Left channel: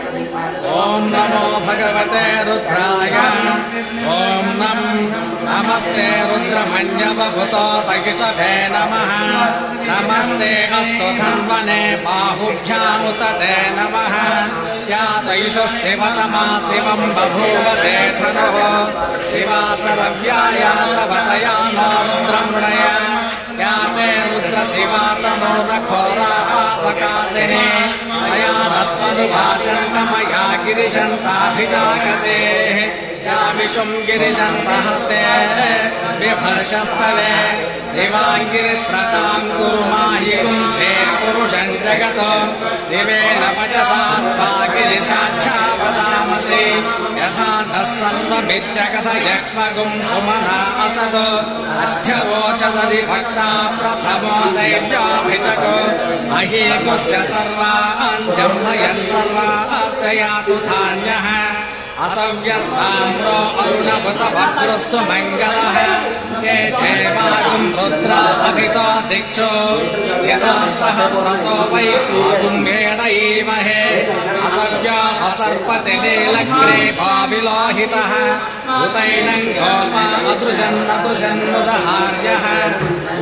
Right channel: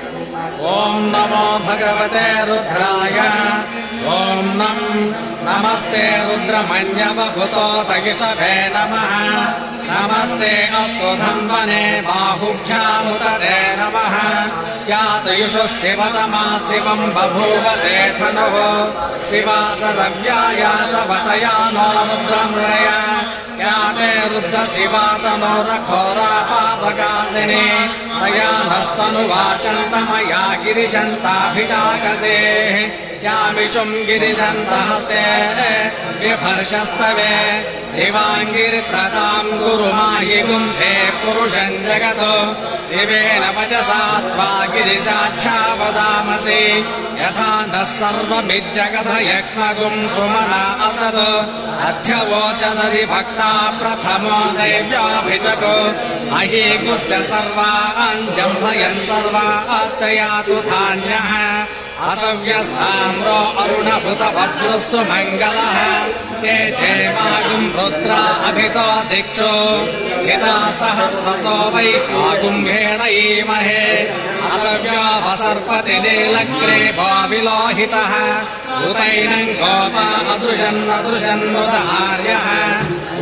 ॐ नमो भगवते रुद्राय ॐ नमस्ते रुद्रमन्यवभूतो तगिषभे नमः नमस्ते अस्तु धन्वने बाहुभ्यामुतते नमः यातयुषु शिवतमा शिवम् बभूवते धनुः शिवासरव्याया तवतया नो रुद्रमृळया याते रुद्रशिवातनोरघोरा पापकासिनी तया नस्तनुवाचन्तमया गिरिशन्ताभिजाकसेः या विशुम् गिरिशन्तहस्ते बिभर्षस्तवे शिवाङ्गिरित्रताम् कुर्माहि पुंसे पुरुषम् जगतो शिवेन वचसा त्वा गिरिसाक्षा वदामसि यथा नः सर्वमिज्जगतयक्ष्मगुम् सुमना असदो अध्यवोचदरि भक्ता प्रथमो दैव्याभिषको अहीकुश्च सर्वान् जम्भयन् सर्वाश्च यातु धान्यः असव्यस्ताम्रो अरुणभृतभद्रुस्सु मङ्गलः ये चेमागुम् रुद्रा अभितो दिक्षो सिता सहस्रसो वैशागुम्भेणैमहे असव्यावसर्पति नीलग्रे बाविलोहितः उतैनम् गोपा अदृशन्नदृशन्मुदहार्यः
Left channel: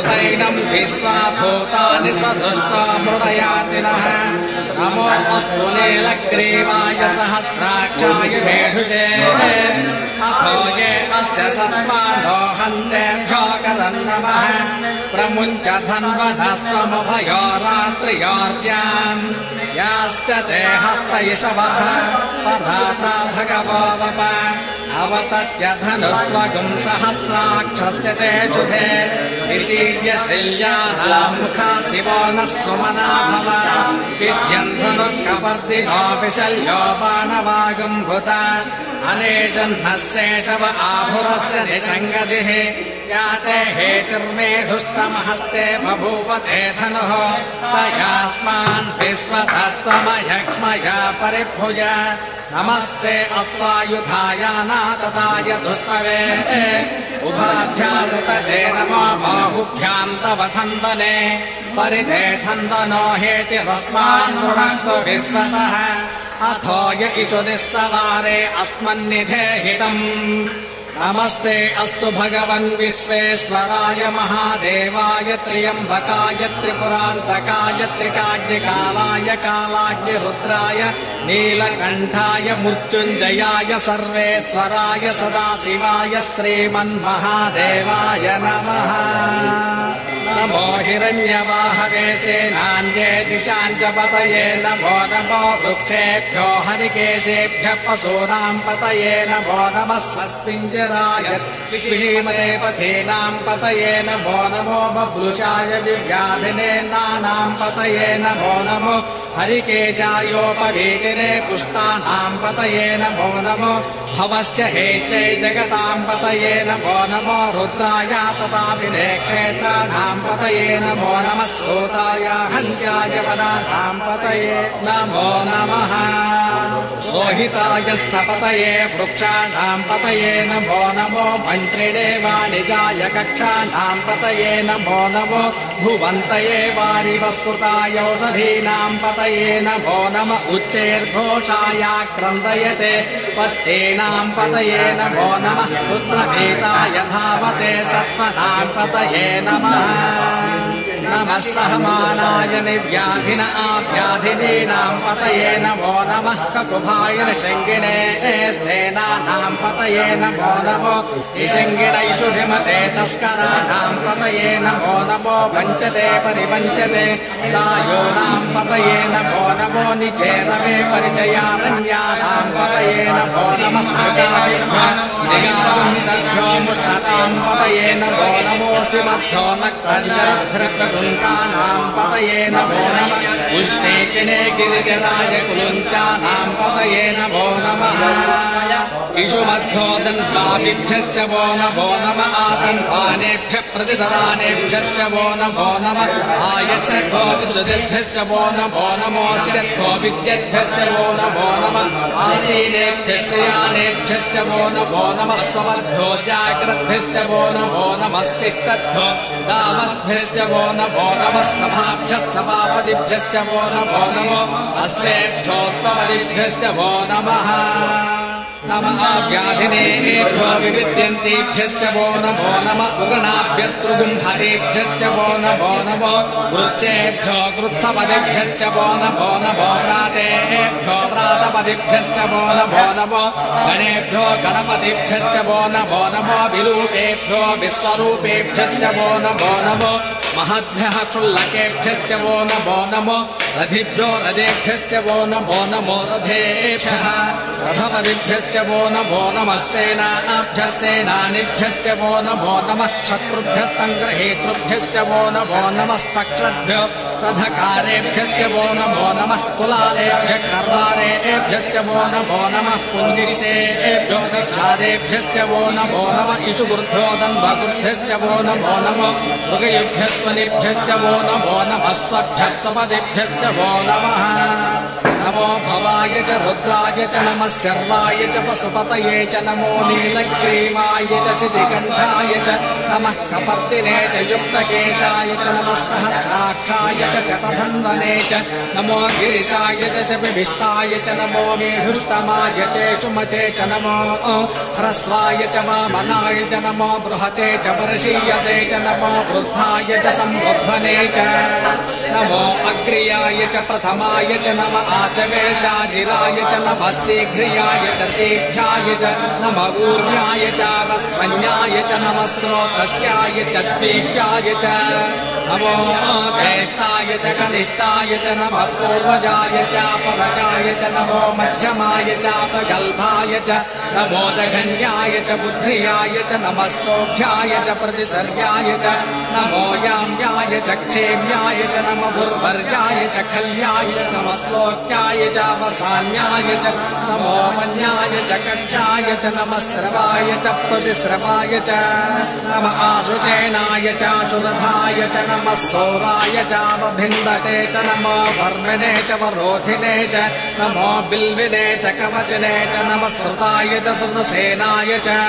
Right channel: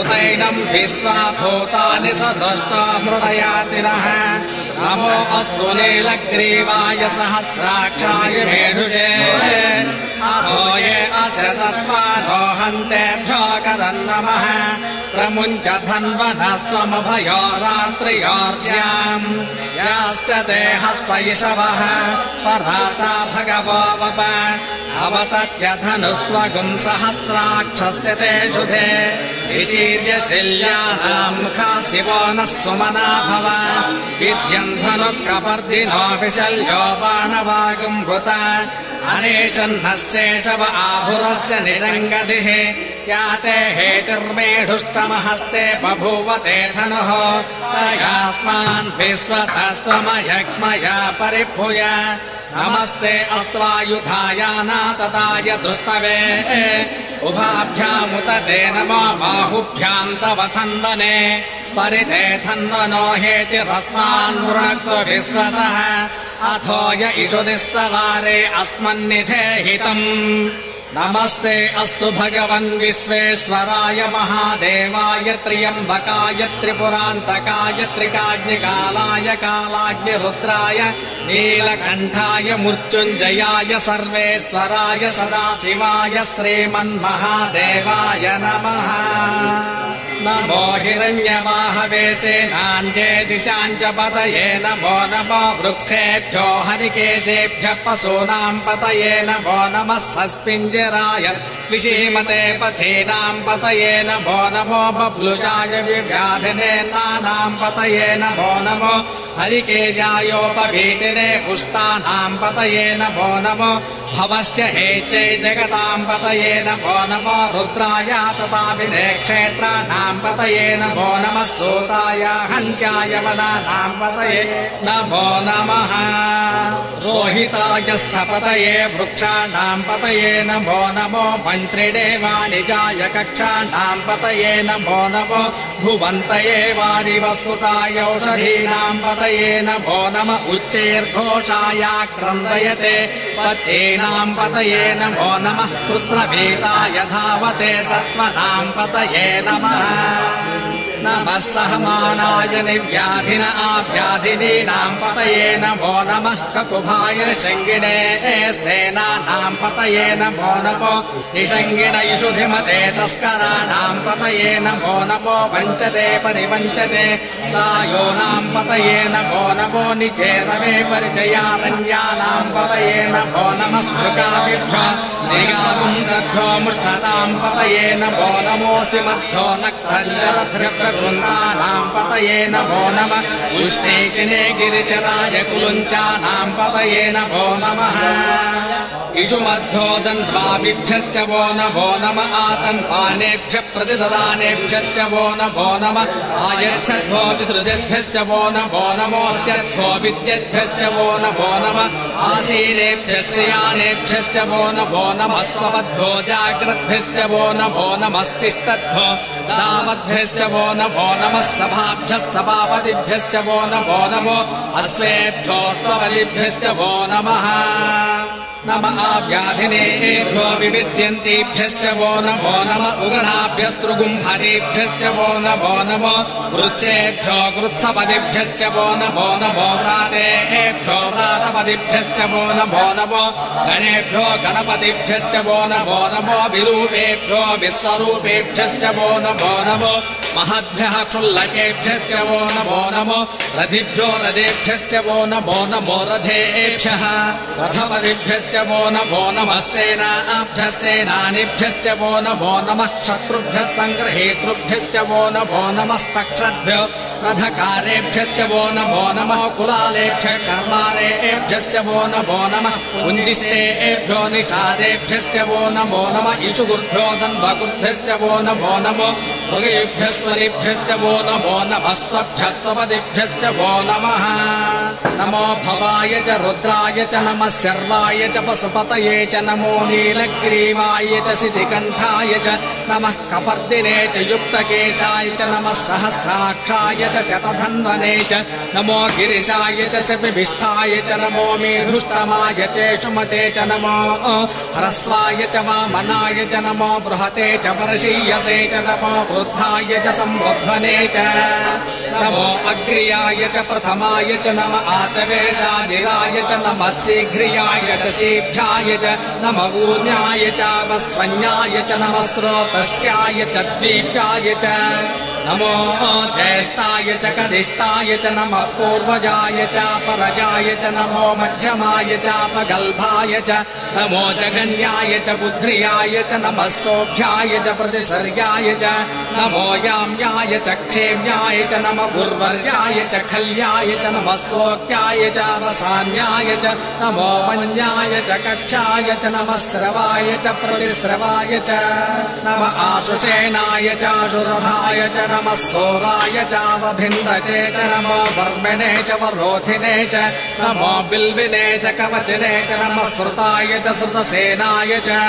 उतैनम् विश्वा भूतानि सदृष्टा मृडयातिनः नमो अस्तु नीलग्रीवाय सहस्राक्षाय मेढुषे अहो ये अस्य सत्त्वानो हन्तेभ्यो करन् नमः प्रमुञ्च धन्वनस्त्वमभयो रात्रियोर्ज्याम् याश्च ते हस्तयिषवः पराता भगवो वप अवतत्य धनुस्त्वगुम् सहस्राक्षस्य ते शुधे विशीर्य शिल्यानाम् मुखा शिवो नः सुमना भव विद्यम् धनुःकपर्दिनो विशल्यो बाणवागुम् भूता अनेशन्नः शेषव आभुरस्य निषङ्गतिः याते हेतिर्मेढुष्टमहस्ते बभूवते धनुः तयास्मान् विश्वतस्त्वमयक्ष्मया परिभुज नमस्ते अस्त्वायुधायानातताय दुष्टवे उभाभ्यामुतते नमो बाहुभ्याम् तव धन्वने परिते धन्वनो हेतिरस्मान् मृणक्तु विश्वतः अथो य इषुदिस्तवारे अस्मन्निधेहितम् नमस्ते अस्तु भगवन् विश्वेश्वराय महादेवाय त्र्यम्बकाय त्रिपुरान्तकाय त्रिकाग्निकालाय कालाग्निरुद्राय नीलकण्ठाय मृत्युञ्जयाय सर्वेश्वराय सदाशिवाय श्रीमन्महादेवाय नमः नमो हिरण्यवाहवे सेनान्ये दिशाञ्च पतये नमो नमो वृक्षेभ्यो हरिकेशेभ्यः पशूनाम् पतये नमो नमः सस्मिञ्जराय विषीमते पथीनाम् पतये नमो नमो बभ्रुषाय व्याधिने नानाम् पतये नमो नमो हरिकेशायोपवीतिरे पुष्टानाम् पतये नमो नमो भवस्य हेचै जगताम् पतये नमो नमो रुद्राय तथा क्षेत्राणाम् पतये नमो नमः सूताय हन्त्याय वदानाम् पतये नमो नमः रोहिताय स्थपतये वृक्षाणाम् पतये नमो नमो मन्त्रिणे वाणिजाय कक्षाणाम् पतये नमो नमो भुवन्तये वाणिवस्तुताय औषधीनाम् पतये नमो नम उच्चैर्घोषाय क्रन्दयते पतेनाम् पतये नमो नमः पुत्रभीताय धावते सत्त्वनाम् पतये नमः नमः सहमानाय निव्याधिन आव्याधिनीनाम् पतये नमो नमः ककुभाय निषङ्गिणे स्थेनानाम् पतये नमो नमो निषङ्गिण इषुधिमते तस्कराणाम् पतये नमो नमो वञ्चते परिवञ्चते सायोनाम् पतये नमो नमो निचेरवे परिचयारण्यानाम् पतये नमो नमः स्मृगाभिभ्यो जयावंसभ्यो मुष्णताम् पतये नमो नमोऽसि मध्यो नक्तञ्जरभृगुन्दानाम् पतये नमो नमः उष्णेक्षिणे गिरिजराय कुलुञ्चानाम् पतये नमो नमः इषुमध्यो दन्त्वाभिभ्यश्च वो नमो नमः आतन्वानेभ्यः प्रतिददानेभ्यश्च वो नमो नमः आयच्छद्भो विसृजेभ्यश्च वो नमो नमोऽस्यद्भो विद्येभ्यश्च वो नमो नमः आसीनेभ्यश्च यानेभ्यश्च वो नमो नमः स्वमद्भ्यो जाग्रद्भ्यश्च वो नमो नमस्तिष्ठद्भ्यो दामद्भ्यश्च वो नमो नमः सभाभ्यः सभापतिभ्यश्च वो नमो अश्वेभ्यो स्वपतिभ्यश्च वो नमः नमः व्याधिनेभ्यो विविद्यन्तीभ्यश्च वो नमः उगणाभ्यस्तृगुम्भरेभ्यश्च वो नमो वृक्षेभ्यो कृत्सपतिभ्यश्च वो नमो व्रातेभ्यो व्रातपतिभ्यश्च वो नमो गणेभ्यो गणपतिभ्यश्च वो नमो विरूपेभ्यो विश्वरूपेभ्यश्च वो नमो महद्भ्यः क्षुल्लकेभ्यश्च वो नमो रथिभ्यो रथेभ्यश्च वो नमो रथेभ्यः रथपतिभ्यश्च वो नमः सेनाभ्यश्चेनानिभ्यश्च वो नमः क्षत्रुभ्यः सङ्ग्रहेतृभ्यश्च वो नमस्तक्षद्भ्यो रथकारेभ्यश्च वो नमः कुलालेभ्यः कर्मारेभ्यश्च वो नमः पुञ्जिष्टेभ्यो निषादेभ्यश्च वो नमः इषुगुर्भ्यो दन्वगुर्भ्यश्च वो नमो मृगयुभ्यस्वनिभ्यश्च वो नमः स्वभ्यस्वपदिभ्यश्च वो नमः नमो भवाय च रुद्राय च नमः सर्वाय च पशुपतये च नमो नीलग्रीवाय च सिद्धिकण्ठाय च नमः कपर्दिने च युक्तकेशाय च नमः सहस्राक्षाय च शतधन्वने च नमो गिरिशाय च विभिष्टाय च नमो मेधुष्टमाय च सुमते च नमो ह्रस्वाय च वामनाय च नमो बृहते च वर्षीयसे च नमो वृद्धाय च संवृद्धने च नमो अग्र्याय च प्रथमाय च नम आसवेशाजिराय च नमः शीघ्रियाय च शीघ्राय च नमः ऊर्ण्याय च वस्वन्याय च नमः स्रोतस्याय च द्वीप्याय च नमो ज्येष्ठाय च कनिष्ठाय च नमः पूर्वजाय च परजाय च नमो मध्यमाय च अपगल्भाय च नमो जघन्याय च बुद्ध्रियाय च नमः सौख्याय च प्रतिसर्याय च नमो याम्याय च क्षेम्याय च नमः उर्वर्याय च खल्याय च नमः सौख्याय च अवसान्याय च नमो मन्याय च कक्षाय च नमः स्रवाय च प्रतिस्रवाय च नमः आशुचेनाय च आशुरथाय च नमः सोराय चावभिन्दते च नमो वर्मिणे च वरोधिने च नमो बिल्विने च कवचिने च नमः श्रुताय च श्रुतसेनाय च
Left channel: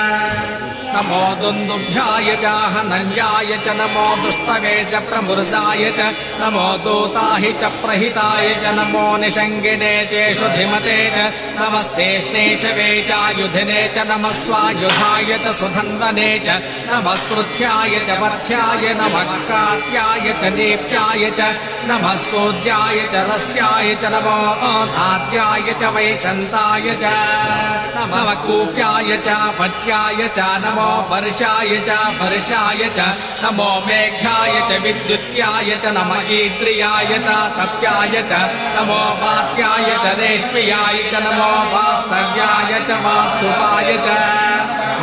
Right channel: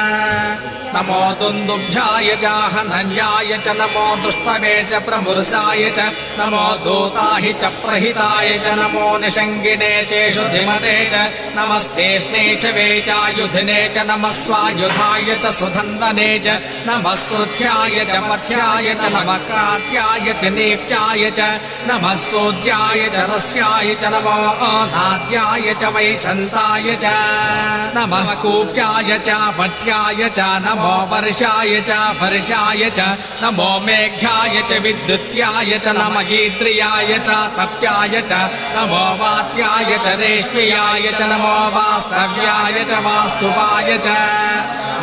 नमो दुन्दुभ्याय च हनन्याय च नमो दुष्टवे च प्रमुर्षाय च नमो दूताहि च प्रहिताय च नमो निषङ्गिने चेषु धिमते च नमस्तेष्णे च वेचायुधिने च नमः स्वायुधाय च सुधन्वने च नमः स्तुत्याय च मथ्याय नमः कात्याय च नेप्याय च नमः सोज्याय च रस्याय च नमो नाद्याय च वैशन्ताय च नमः कूप्याय च पट्याय च नमो वर्षाय च नमो मेघ्याय च विद्युत्याय च नमः गीत्रियाय च तप्याय च नमो वात्याय च रेष्म्याय च नमो वास्तव्याय च वास्तुवाय च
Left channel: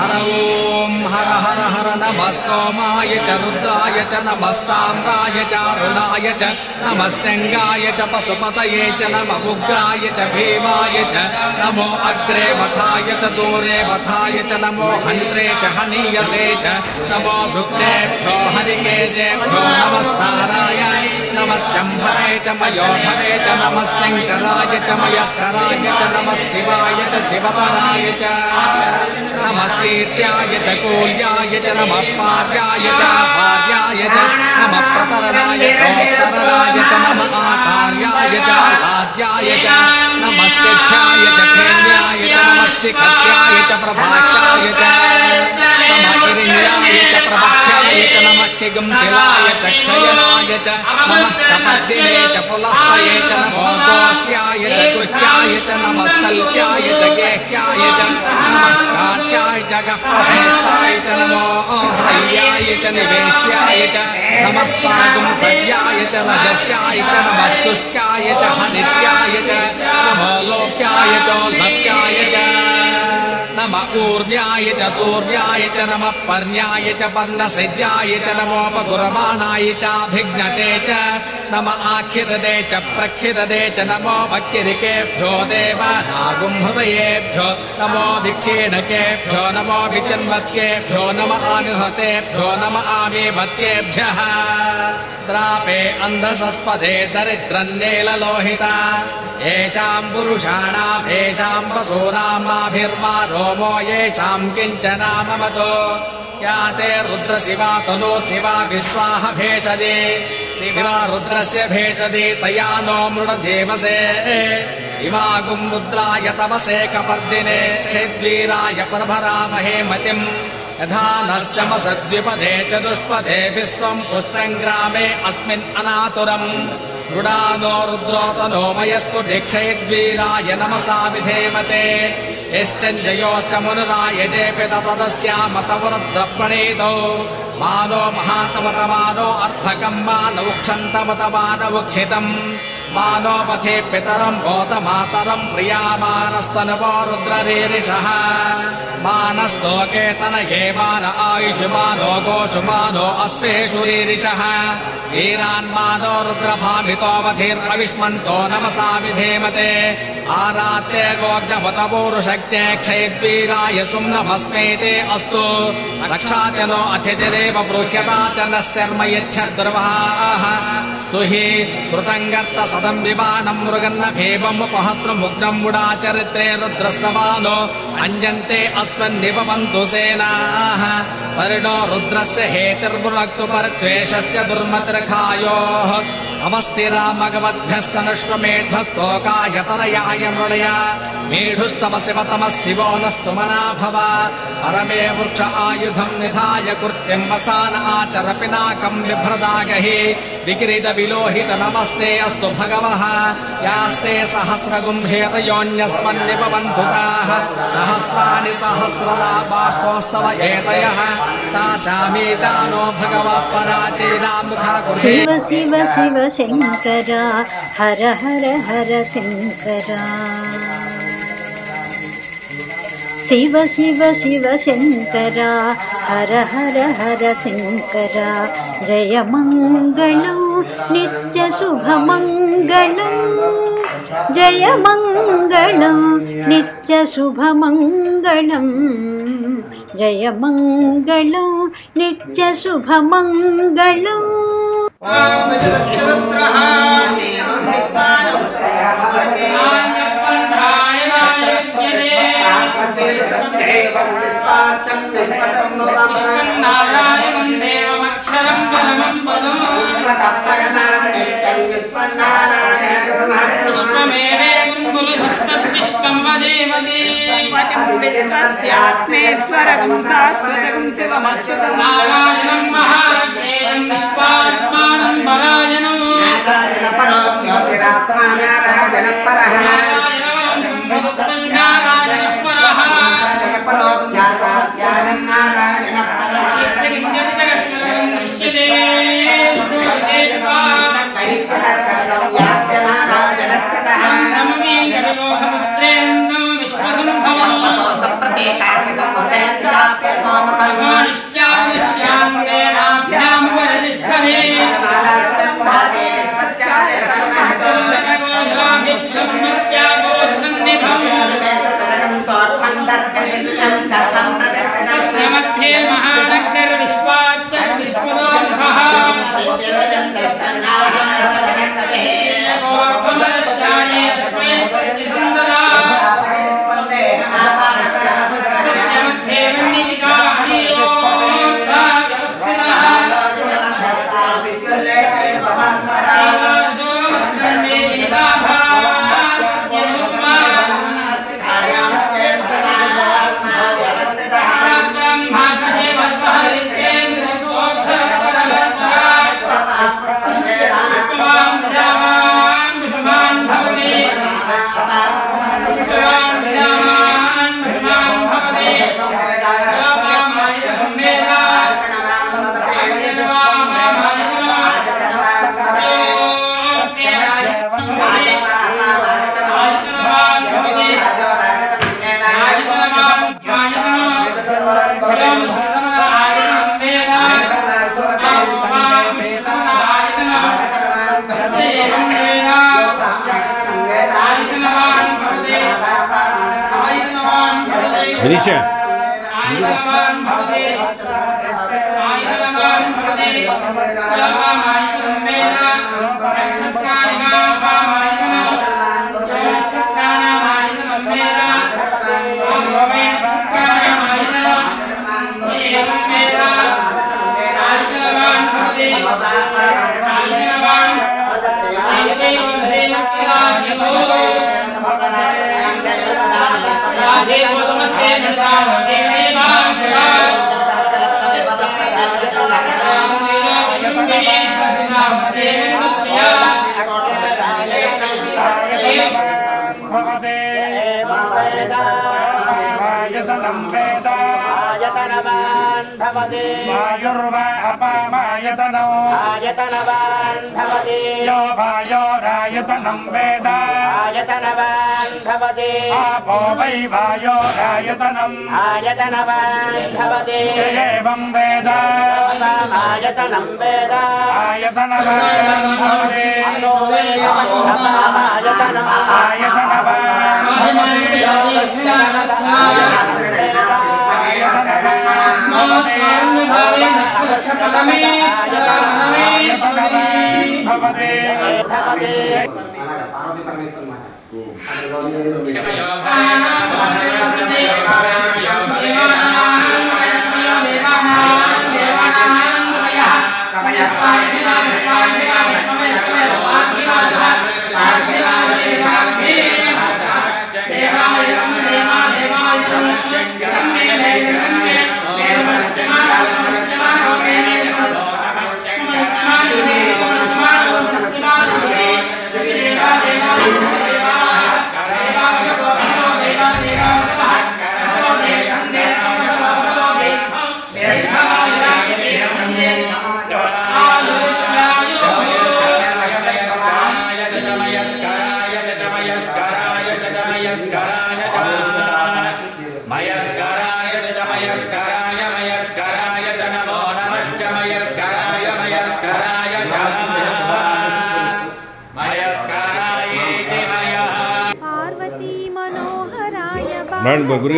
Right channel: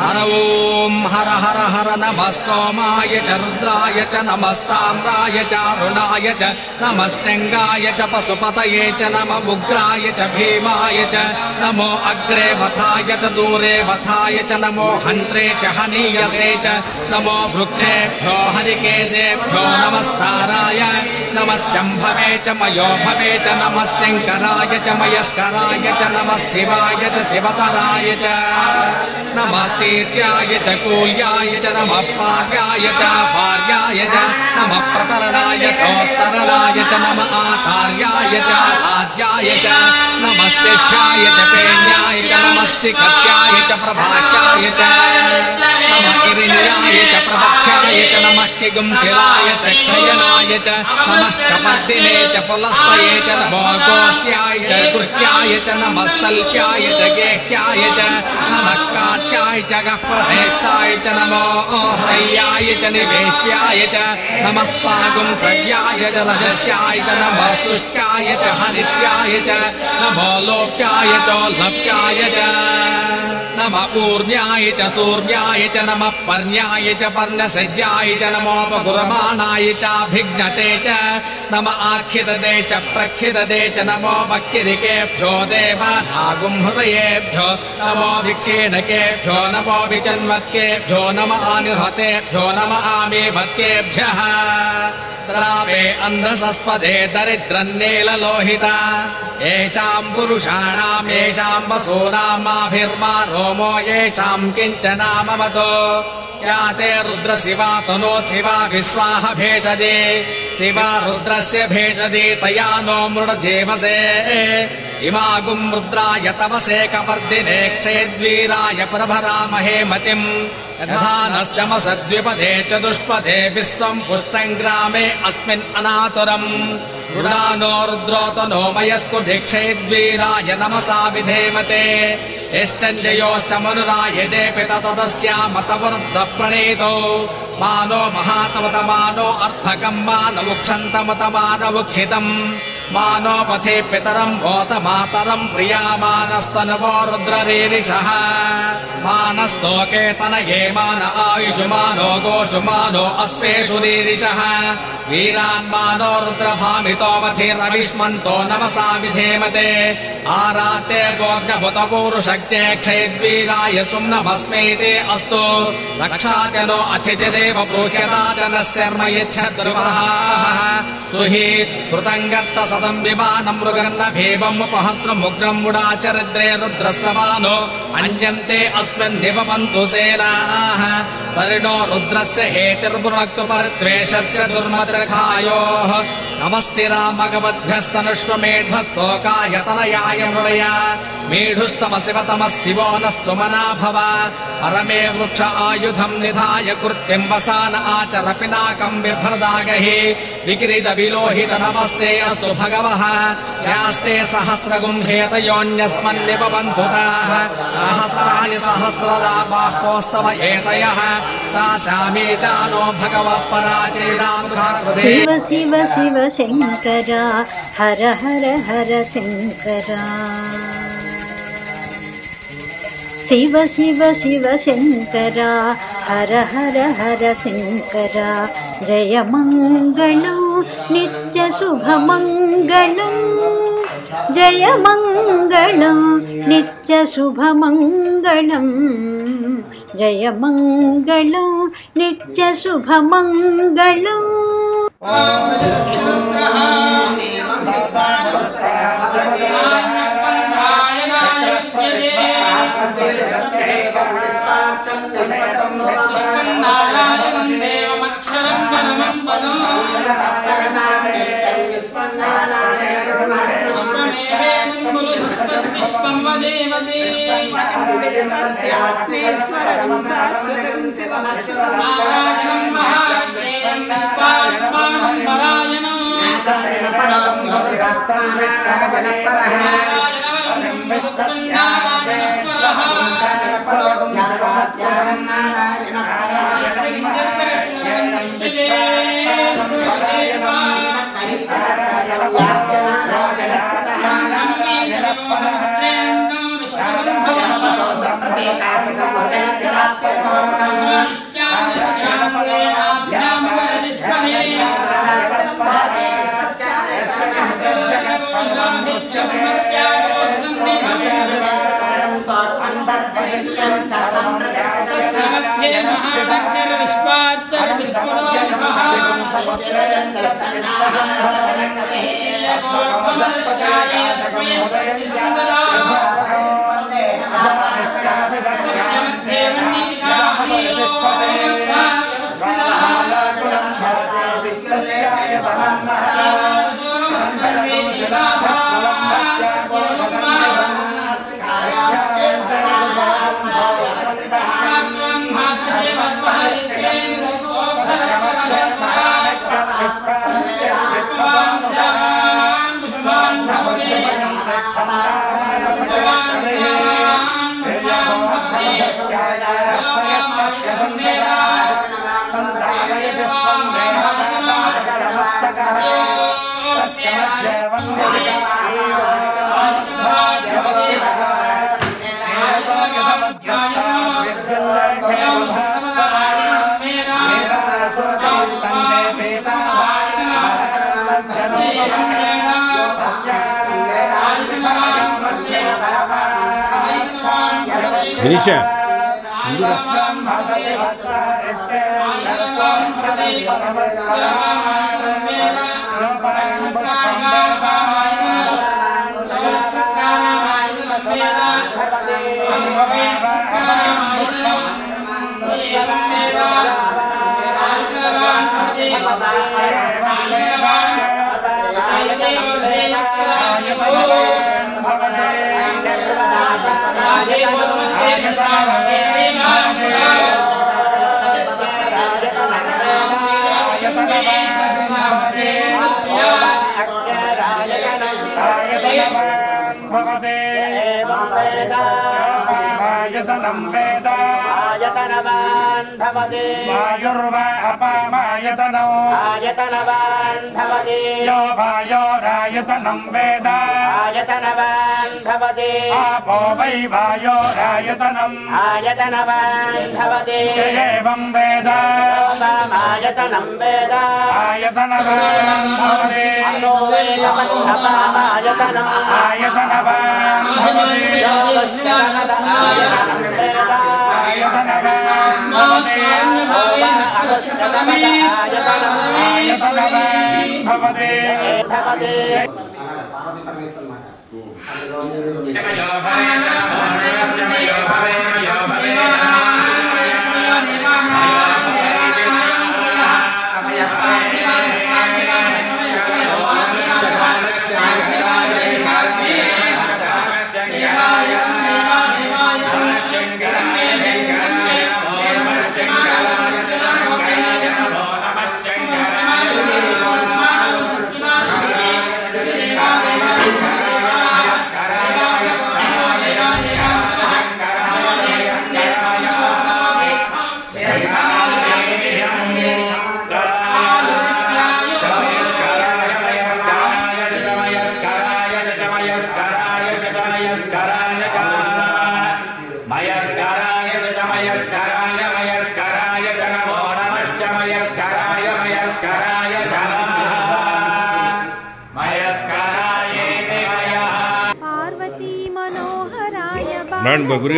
हर ओम हर हर हर नमः सोमाय च रुद्राय च नमस्ताम्राय च अरुणाय च नमः सिंहाय च पशुपतये च नमः उग्राय च भीमाय च नमो अग्रे वथाय च दूरे वथाय च नमो हन्त्रे च हनीयसे च नमो वृक्षेभ्यो हरिकेशेभ्यो नमस्ताराय नमः शम्भवे च मयोभवे च नमः शङ्कराय च मयस्कराय च नमः शिवाय च शिवतराय च नमस्तीर्याय च कूल्याय च नमः पार्याय च भार्याय च नमः प्रतरणाय चोत्तरणाय च नमः आतार्याय च आद्याय च नमः सिद्ध्याय च पेन्याय च नमः शिखत्याय च प्रभात्याय च नमः गिरिण्याय च प्रवक्ष्याय च नमः किगुंसिलाय च क्षयनाय च नमः कपर्दिने च पुलस्तये च नमो गोष्ठ्याय च गृह्याय च नमः स्थल्प्याय च गेह्याय च नमः काट्याय च गह्वधेष्टाय च नमो ह्रय्याय च निवेष्ट्याय च नमः पागुंसव्याय च रजस्याय च नमः शुष्क्याय च हनित्याय च नमो लोप्याय च लप्याय च नमः ऊर्ण्याय च सूर्याय च नमः पर्ण्याय च पर्णसज्याय च नमोपगुरमाणाय चाभिघ्नते च नमः आख्यदे च प्रख्यदे च नमो भक्तिरिकेभ्यो देवानागुंहृदयेभ्यो नमो भिक्षेणकेभ्यो नमो विजन्वत्येभ्यो नमः आनुहतेभ्यो नमः आमेभत्येभ्यः द्रावे अन्धसस्पदे दरिद्रन्नीललोहिता येषाम् पुरुषाणाम् येषाम् वसूनामाभिर्मारो सोमो येषाम् किञ्चनामवतो या ते रुद्र शिवा तनो शिवा विश्वाह भेषजे शिवा रुद्रस्य भेषजे तया नो मृडजेवसे इमागुम् रुद्राय तवसे कपर्दिने क्षेद्वीराय प्रभरामहे मतिम् यथा नश्यमसद्विपदे चतुष्पदे विश्वम् पुष्टम् ग्रामे अस्मिन् अनातुरम् रुडानो रुद्रोतनो मयस्तु दीक्षेद्वीराय नमसा विधेमते यश्चन्द्रयोश्च मनुरायजेऽपि ततस्यामतवरुद्धप्रणीतौ मानो महातमतमानो अर्थकम् मानवुक्षन्तमतमानवुक्षितम् मानो पथे पितरम् भूतमातरम् प्रियामानस्तनवो रुद्ररीरिषः मानस्तोके तनये मान आयुषुमानो गोषुमानो अश्वेषु रीरिषः वीरान्मानो रुद्रभामितोऽवधिर्नविष्मन्तो नमसा विधेमते आराते गोज्ञभूतपूरुषक्ते क्षयद्वीराय सुम्नमस्मेते अस्तु रक्षाजनो अथितिरेव ब्रूह्यराजनः शर्म यच्छद्रुवाः स्तुहि श्रुतङ्गर्त सदम् विमानम् मृगन्न भीमम् उपहर्तृमुग्नम् मुडाचरित्रे रुद्रस्तमानो अन्यन्ते अस्मिन्निवपन्तु सेनाः परिणो रुद्रस्य हेतिर्भुनक्तु परिद्वेषस्य दुर्मद्रखायोः नमस्तिरामगवद्भ्यस्तनुष्वमेध्वस्तोकायतनयाय मृया मेढुस्तम शिवतमः शिवो नः सुमना भव परमे वृक्ष आयुधम् निधाय कृत्यम् वसान आचर पिनाकम् बिभ्रदागहि विक्रीत विलोहित नमस्ते अस्तु भगवः यास्ते सहस्रगुम्भेतयोऽन्यस्मन्निपबन्धुताः सहस्राणि सहस्रदा बाह्वोस्तव एतयः तासामी जानो भगवः पराचीनामृधा गुरे शिव शिव शिव शङ्करा हर हर हर शङ्करा शिव शिव शिव शङ्करा हर हर हर शङ्करा जय मङ्गलम् नित्य शुभमङ्गलम् जय मङ्गलम् नित्य शुभमङ्गलम् जय मङ्गलम् नित्य शुभमङ्गलम् Anisha. आयतनवान् भवति वायुर्वा अपामायतनो आयतनवान् भवति यो वायोरायतनं वेद आयतनवान् भवति आपो वै वायोरायतनम् आयतनवान् भवति एवं वेद आयतनं वेद आयतनवान् भवति असो वेदमन्नपामायतनम् आयतनवान् भवति यो वश्यनद आयतनं वेद आयतनवान् भवति अवश्यकमद आयतनम् आयतनवान् भवति भवति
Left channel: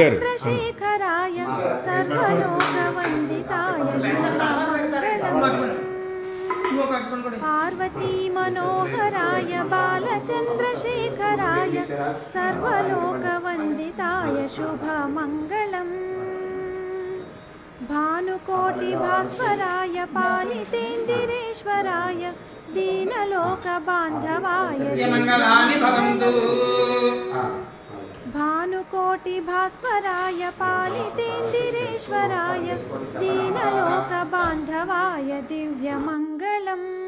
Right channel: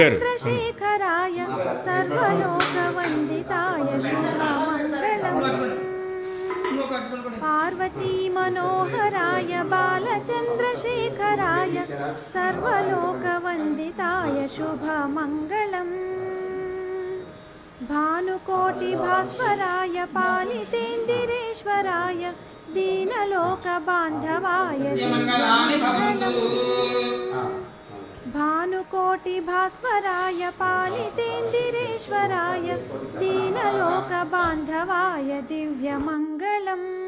चंद्रशेखराय सर्वलोकवंदिताय शुभमंगलम् पार्वती मनोहराय बालचंद्रशेखराय सर्वलोकवंदिताय शुभमंगलम् भानुकोटिभास्वराय पालितेन्द्रेश्वराय दीनलोकबान्धवाय भानुकोटिभास्वराय पालितेन्द्रेश्वराय दीनलोकबान्धवाय दिव्यमङ्गलम्